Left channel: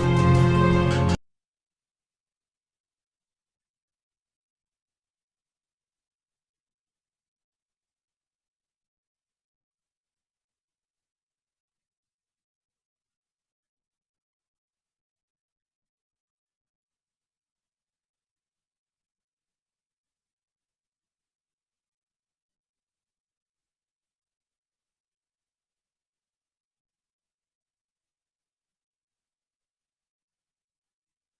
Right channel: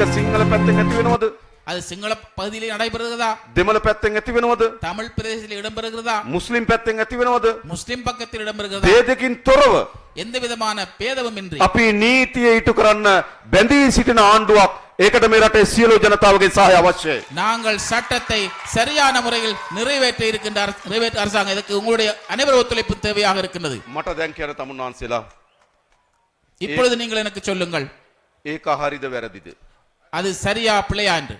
ඒක සිංහල පැත්තෙන් ඇති වෙනවද? அது சிங்கள பகுதியிலே நடைபெறுகிறதா? දෙමළ පැත්තෙන් ඇති වෙනවද? தமிழ் பிரதேசத்தில் இடம்பெறுகிறதா? මුස්ලිම් පැත්තෙන් ඇති වෙනවද? முஸ்லிம் பக்கத்தில் இடம்பெறுகிறதா? ભેදකින් තොරව எந்த விதமான பேதமுமின்றி අපි නීතිය ඉටු කරන්න බැඳී සිටින ආණ්ඩුවක් ඒකට මේ රටේ සියලු ජනතාවගේ සහාය අවශ්‍යයි. நாங்கள் சட்டத்தை சரியான முறையில் நிறைவேற்ற இருக்கின்ற அரசாங்கம் இதற்கு உங்களுடைய அனைவரும் ஒத்துழைப்பு தேவையாக இருக்கின்றது. මට දැන් කියන තමුන් වහන්සේලා இப்பொழுது நீங்கள் எனக்கு சொல்லுங்கள், ඒක හරිද වැරදිද? அது சரியா பிழையா என்று.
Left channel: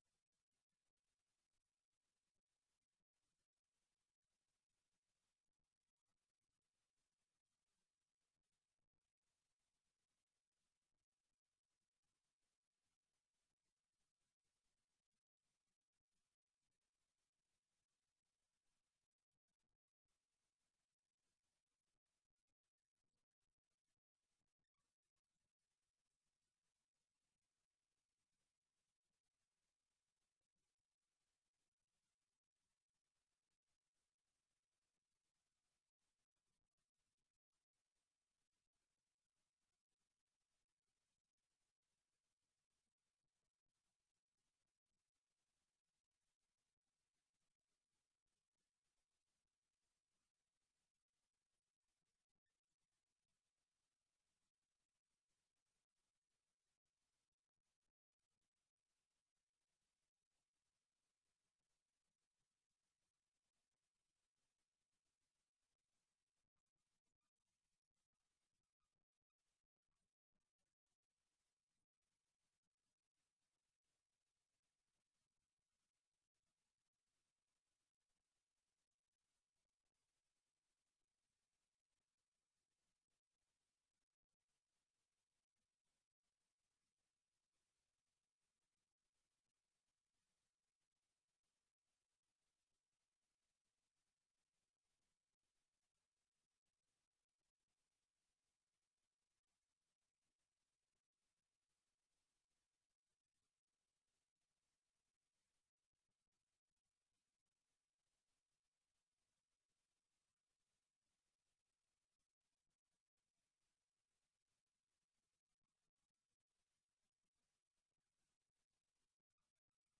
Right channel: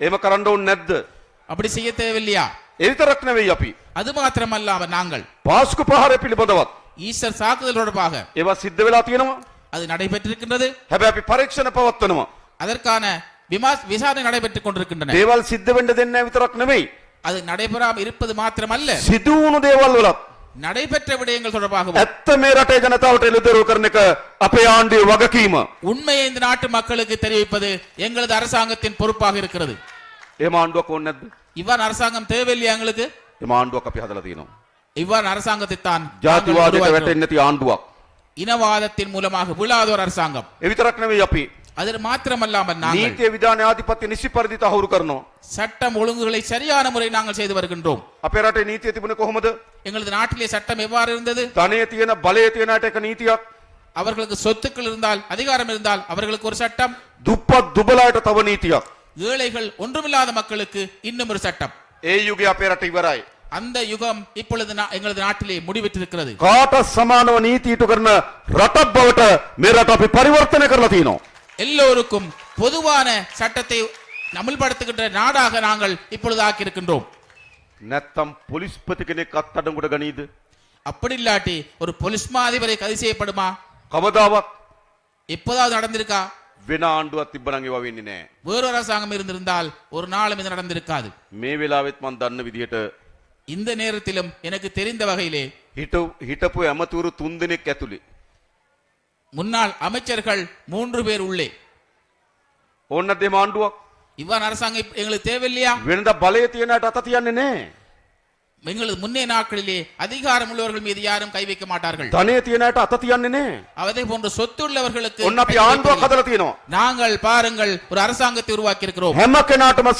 එහෙම කරන්න ඕනේ නැද්ද? அப்படி செய்ய தேவையில்லையா? ඒ විතරක් නෙවෙයි අපි அது மாத்திரமல்லாம நாங்கள் පාස්කු ප්‍රහාරය පිළිබඳවත් ஈஸ்டர் தாக்குதல் தொடர்பாக ඒවා සිද්ධ වෙලා තියෙනවා. அது நடைபெற்றிருக்கின்றது. හැබැයි අපි පරීක්ෂණ පවත්වනවා. அதற்கான விசாரணை நடைபெற்றுக் கொண்டிருக்கின்றன. දේවල් සිද්ධ වෙන්න දෙන්නේ නැහැ විතරක් නෙවෙයි. அது நடைபெறாமல் இருப்பது மாத்திரமல்ல, සිදු වුණු දේවල් වලත් நடைபெற்ற விடயங்கள் தொடர்பாக ඇත්ත මේ රටේ ජනතාවට එළිදරව් කරන එක අපේ ආණ්ඩුවේ වගකීම. உண்மையை இந்த நாட்டு மக்களுக்கு தெரிவிப்பது எங்களது அரசாங்கத்தின் பொறுப்பாக இருக்கிறது. එහෙම ආණ්ඩුවක් ඕනේ නැද්ද? இவ்வாறு அரசாங்கம் தேவையில்லையா எங்களுக்கு? එහෙම ආණ්ඩුවක් අපි හදලා තියෙනවා. இவ்வாறு அரசாங்கத்தை தான் ජාතිවාදයට වැටෙන්නේ නැති ආණ්ඩුවක්. இனவாதத்தின் மூலமாக விழாத ஒரு அரசாங்கம். ඒ විතරක් නෙවෙයි අපි அது மாத்திரமல்லாமல் நாங்கள் නීතිය විධාන ආධිපත්‍ය නිසි පරිදි තහවුරු කරනවා. சட்டம் ஒழுங்குகளை சரியான முறை நாங்கள் செய்து வருகின்றோம். අපේ රටේ නීතිය තිබුණේ කොහොමද? எங்களது நாட்டிலே சட்டம் எவ்வாறு இருந்தது? ධනය තියෙන බලය තියෙන අයට එක නීතියක්, அவர்களுக்கு சொத்துக்கள் இருந்தால், அதிகாரம் இருந்தால் அவர்களுக்கு ஒரு சட்டம், දුප්පත් දුබලාට තව නීතියක්. ஏழைகள் ஒன்றுமில்லாத மக்களுக்கு இன்னும் ஒரு சட்டம். ඒ යුගය අපේ රට ඉවරයි. அந்த யுகம் இப்பொழுது எங்களது நாட்டிலே முடிவிட்டிருக்கிறது. කාටත් සමානව නීති ඉටු කරන රටක් බවට මේ රට අපි පරිවර්තනය කරලා තියෙනවා. எல்லோருக்கும் பொதுவான சட்டத்தை அமல்படுத்துகின்ற நாடாக நாங்கள் இப்பொழுது ஆக்கியிருக்கின்றோம். නැත්තම් පොලිස්පති කෙනෙක් අත්අඩංගුවට ගනීද? அப்படி இல்லாட்டி ஒரு போலீஸ் மா அதிபரை கைது செய்யப்படுமா? කවදාවත් எப்போதாவது நடந்திருக்கா? වෙන ආණ්ඩුවක් තිබ්බනම් ඒවා වෙන්නේ නැහැ. வேறொரு அரசாங்கம் இருந்திருந்தால் ஒரு நாளும் இது நடந்திருக்காது. මේ වෙලාවෙත් මම දන්න විදිහට இந்த நேரத்திலும் எனக்கு தெரிந்த வகையிலே හිටපු ඇමතුරු 3 දෙනෙක් ඇතුළේ முன்னாள் அமைச்சர்கள் 3 பேர் உள்ளே. ඕන්න දෙම ආණ්ඩුවක් இவ்வாறு அரசாங்கம் எங்களுக்கு தேவையில்லையா? වෙනදා බලය තියෙන අයට අත තියන්නේ නැහැ. எங்களது முன்னே நாட்களிலே அதிகாரம் உள்ளவர்கள் மீது யாரும் கை வைக்க மாட்டார்கள். ධනය තියෙන අයට අත තියන්නේ නැහැ. அதே போன்ற சொத்து உள்ளவர்களுக்கு ඔන්න අපි ආණ්ඩුවක් හදලා තියෙනවා. நாங்கள் பாருங்கள் ஒரு அரசாங்கத்தை உருவாக்கி இருக்கிறோம். හැම කෙනාටම